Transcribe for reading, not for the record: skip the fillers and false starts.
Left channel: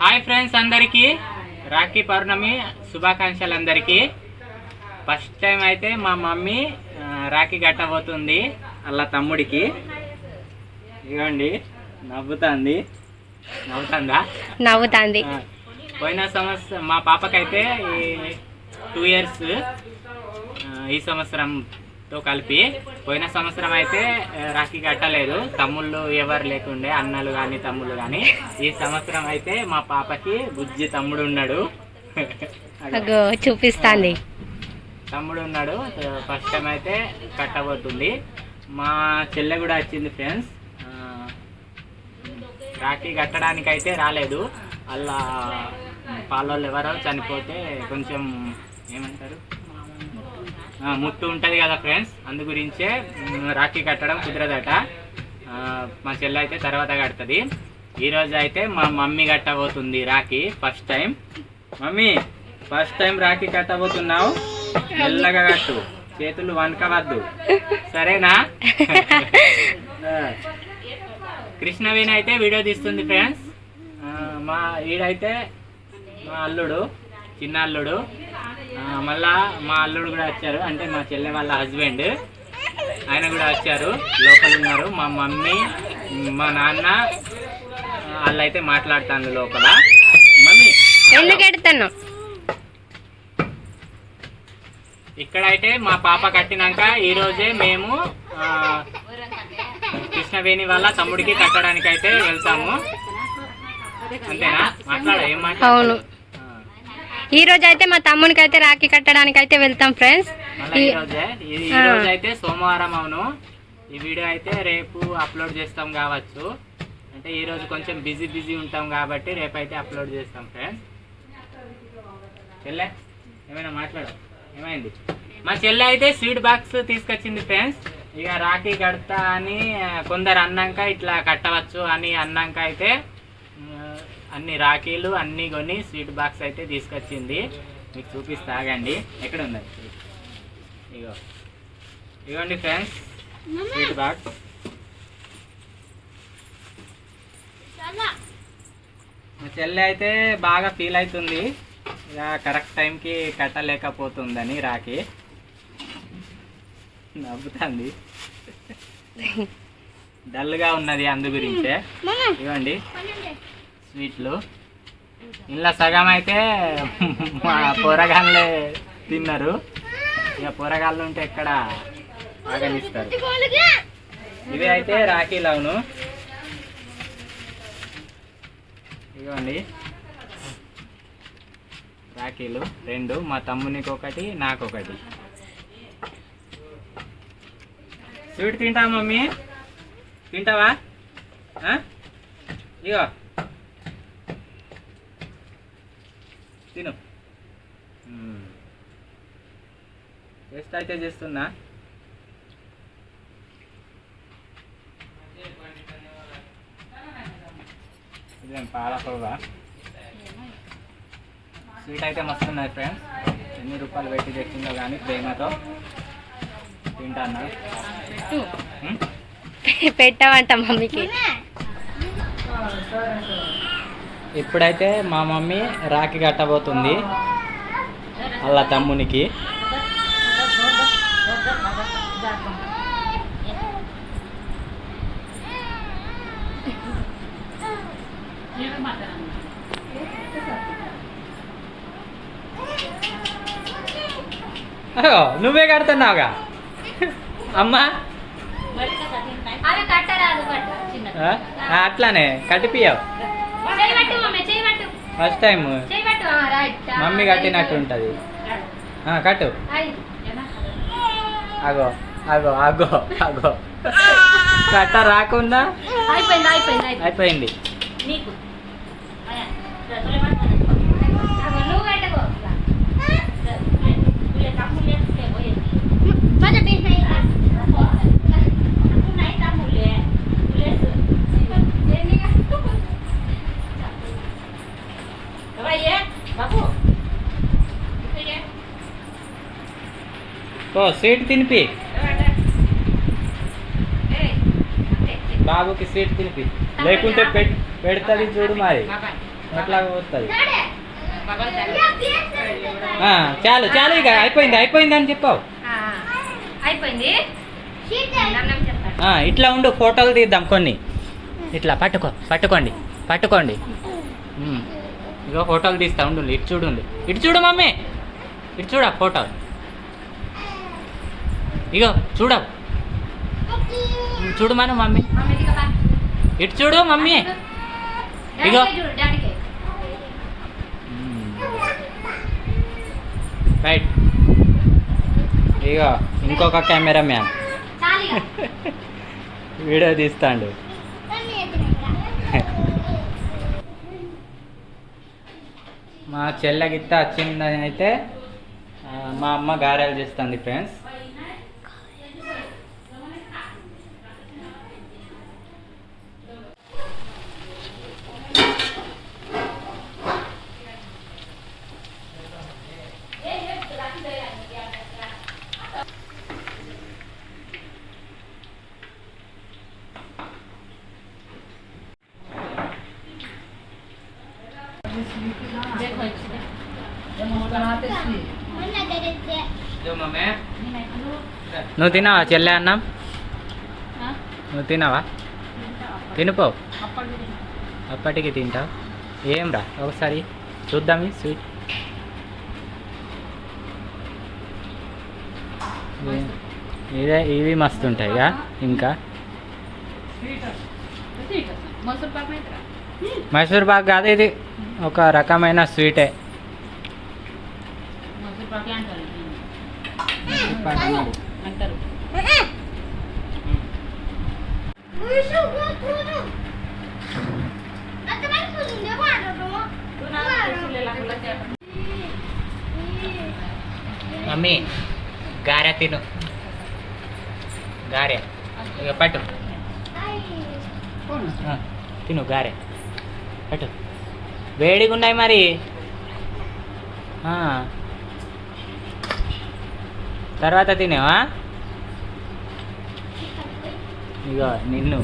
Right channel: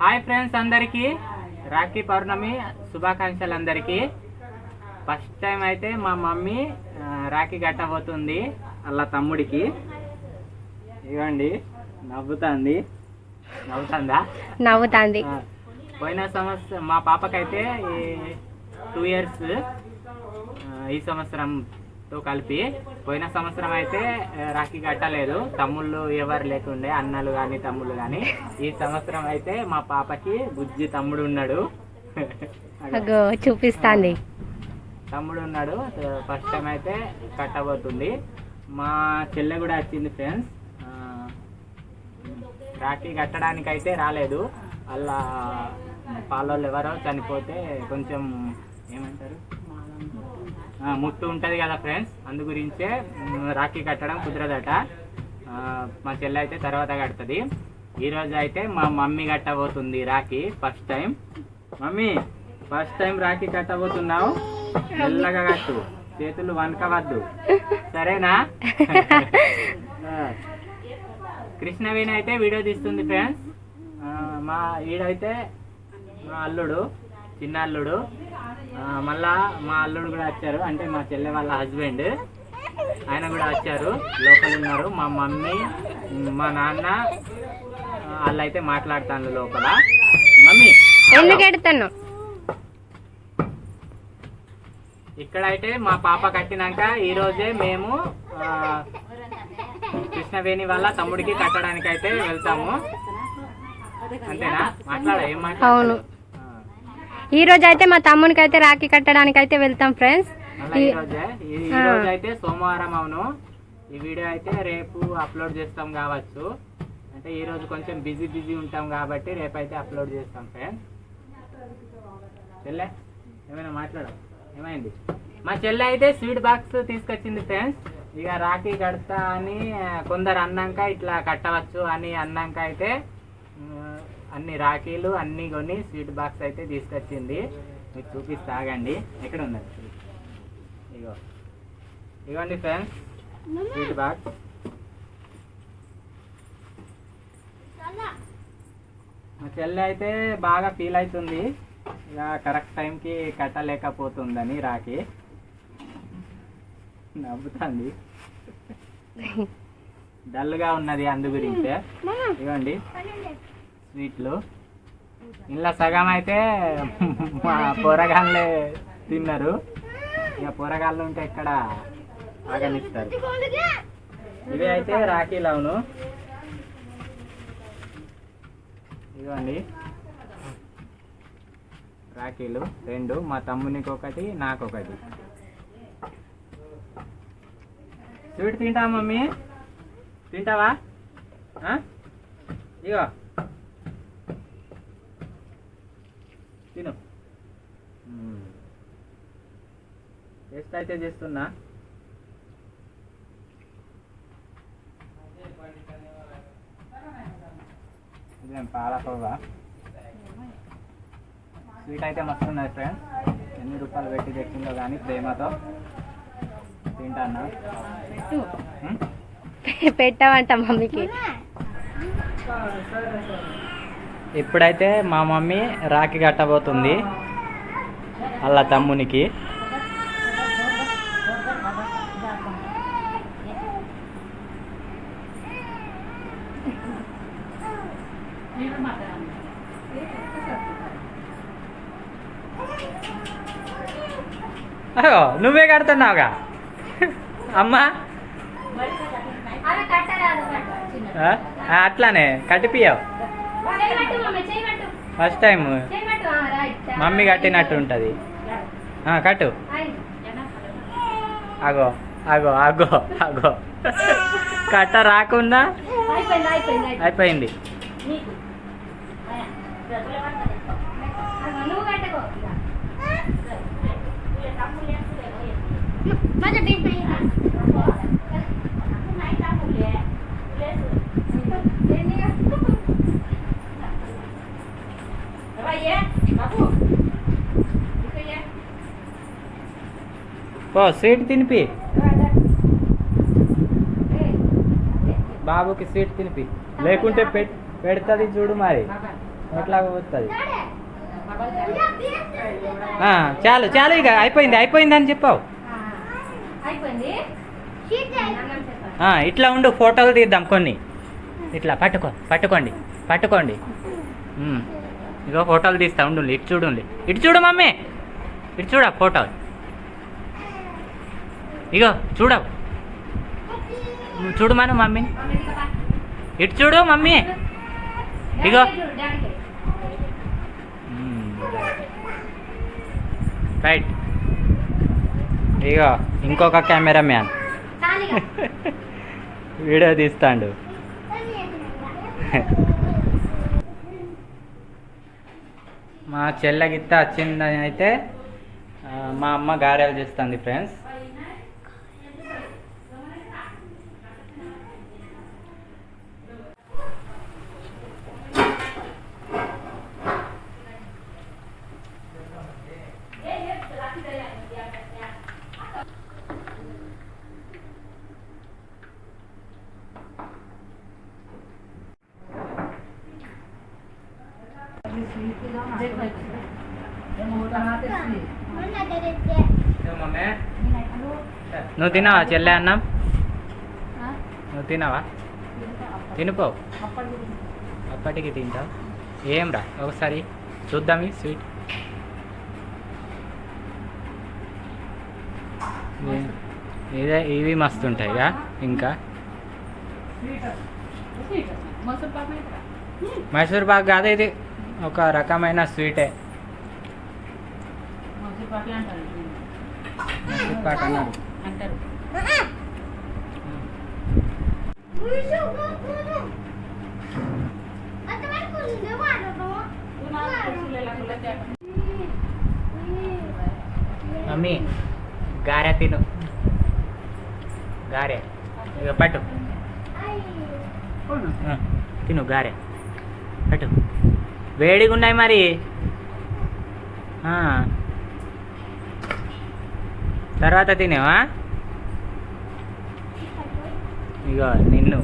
Hi friends, అందరికీ రాఖీ పౌర్ణమి శుభాకాంక్షలు. అందరికీ ఫస్ట్ టైం అయితే మా మమ్మీ రాఖీ కట్టబోతుంది అలా తమ్ముడికి. ఇవ్వండి, నవ్వుతుంది. పోయిన సంవత్సరం మా పాపకైతే 2 years, ఈ సంవత్సరంతో కలిపి. పోయిన సంవత్సరం అయితే రాఖీ కట్టలేదు, తమ్ముళ్ళు ఎవరు లేకుండే, అన్నలు కానీ తమ్ముళ్ళు కానీ. ఈ సంవత్సరం అయితే మా పాపకి బుజ్జి తమ్ముడు ఉన్నాడు, చూపిస్తాంది. తమ్ముడు ఉన్నాడు. ఫస్ట్ టైం అయితే కట్టబోతుంది. మా చెల్లె కూడా వచ్చింది ఫ్రెండ్స్. రాఖీ కట్టడానికి అయితే రాలేదు, అలా పాలోళ్ళు ఎవరో చనిపోతే కొంచెం ఏమంటారు, ముట్టు ఉంటుంది కదా ఫ్రెండ్స్, అందు గురించే రాఖీ కట్టడం కుదరదట. మా చెల్లె అయితే తర్వాత కడుతుంది. ఈరోజు అయితే మా మమ్మీ కట్టబోతుంది rakhi first time. Mummy, first time rakhi కట్టబోతున్నావు, మెల్లగా కట్టు, చేతులు వణకవద్దు, సరేనా? కృష్ణవేణి అయితే వీడియో తీస్తుంది ఫ్రెండ్స్. మా ఈడైతే మా అల్లుడు, చిన్న అల్లుడు, మళ్ళా మా అల్లుడు కూడా వచ్చారు, అంటే మా చెల్లె వాళ్ళ హస్బెండ్, ఆయన కూడా వచ్చారు, లోపల ఉన్నారు. మా మమ్మీ, మా నాన్న వాళ్ళు అయితే మాట్లాడుతాను లోపల. మమ్మీ ఎందుకు ఎడతాను? ఇక్కడైతే మా పాప కట్టినాక ఈరోజే మేము కృష్ణవేణి వాళ్ళ తమ్ముడికి కట్టడానికి అయితే వెళ్తాము. అంతేనా? ఏం మాట్లాడు? అవును, ఈ రోజు అయితే మా తమ్మునికి అయితే రాఖీ కట్టడానికి అయితే వెళ్తాం ఫ్రెండ్స్. ఈ రోజు అయితే సోమవారం. అవును, ఈ వీడియో అయితే రేపు అప్లోడ్ చేస్తాం కావచ్చు, అంటే ఈ రోజు కొంచెం బిజీ ఉంటాం కాబట్టి రేపు అయితే అప్లోడ్ చేస్తాం ఫ్రెండ్స్. చెల్లె ఏమైనా మాట్లాడు, ఏమైంది? మా చెల్లె అయితే స్వీట్ బాక్స్ తీసుకొచ్చింది ఫ్రెండ్స్. ఇక రాఖీ కడతా అని కొందరు అన్నాక ఇట్లా కట్టవచ్చు అని అన్నాక అయితే అన్ని రాఖీలు అన్నీ కొని స్వీట్ బాక్స్ అయితే తీసుకొచ్చింది. మీకు చూపిస్తా, ఆగండి. ఎక్కడ ఉంది? ఇగోండి ఫ్రెండ్స్, స్వీట్ బాక్స్. మా చెల్లె అయితే బాగా ఫీల్ అవుతుంది, ఇక కరెక్ట్ టైంకి కట్టలేకపోతుందని రాఖీ. నవ్వుతుంది, డల్గా ఉన్నది, అందు గురించే. ఇవ్వండి స్వీట్లు. ఇలా సగం అయితే మా పోరగాళ్ళే తిన్నారు, ఇక పోరగాళ్ళు ఉంటే ఎక్కడ ఆగనిస్తారు. ఇవి అయితే రాఖీలు. అవును, ఇవ్వండి రాఖీలు 2, మా తమ్మునికి ఒకటి, నాకొకటి. స్వీట్ తింటావా మమ్మీ? తింటావా? ఇగో తిను. టేస్ట్ అయితే చేస్తున్నా. ఇదేం పాలకోవా? స్వీట్ అయితే మస్తు ఉన్నది ఫ్రెండ్స్. ఎన్ని రూపాయలు పెట్టి తెచ్చిందో కానీ ప్రేమతో తింటాను. పెట్టావంట మమ్మీకి. ఇప్పుడైతే మా మమ్మీ రాఖీ కట్టబోతుంది అలా తమ్మునికి. అయ్యో, నువ్వే కడుతున్నావుగా అమ్మా. అట్లానే కట్టిపియావు. ఫస్ట్ టైం మమ్మీ కట్టినట్టు ఉంటుంది. కట్టు. అగో అగో అగో అగో, కట్ట రాకుండా అయిపోయింది. ఓ స్వీట్ తినిపి, బాబుకి స్వీట్ తినిపి, లేకుంటే పెడుతుంది చూడు మరి. ఎట్లా పోతుంది చాలు చాలు ఇక అయిపోయింది అని చెప్పావు. అయిపోయింది. ఇట్లా ఉండు, ఫోటోలు తీద్దాం కొన్ని. ఇట్లా పట్టుకోండి. ఇగో ఫోటోలు తీస్తా ఉండు. ఇటు చూడు మమ్మీ, ఇటు చూడ ఫోటోలు. ఇగో చూడు మన మమ్మీ, ఇటు చూడు మమ్మీ. ఇగో రైట్. ఇగో ఇంకొక కెమెరా మ్యాన్ వీడియో తీస్తాడు. మా చెల్ల గిత్త వచ్చిందని అయితే మా అమ్మ గారెలు చేస్తుంది ఫ్రెండ్స్. నువ్వు తిన్నావా చెల్లె అన్నం? నువ్వు తిన్నావా? తినిపో, అప్పటికి తింటావు. ఏం రా ఒకసారి చూద్దాం ఈ స్వీట్. ఇవి మస్తు ఉంటాయిగా. ఇంకా మైసూర్ పాక్ కాదు, ఇది ఒక రకమైన స్వీటే. మైసూర్ పాక్ అన్నారు. మమ్మీ గారె తిను, గారె ఇక పట్టు. తిను గారె పట్టు, వేడిగా ఉన్నాయి మరి. తర్వాత తినేవా? ఇగో నిన్ను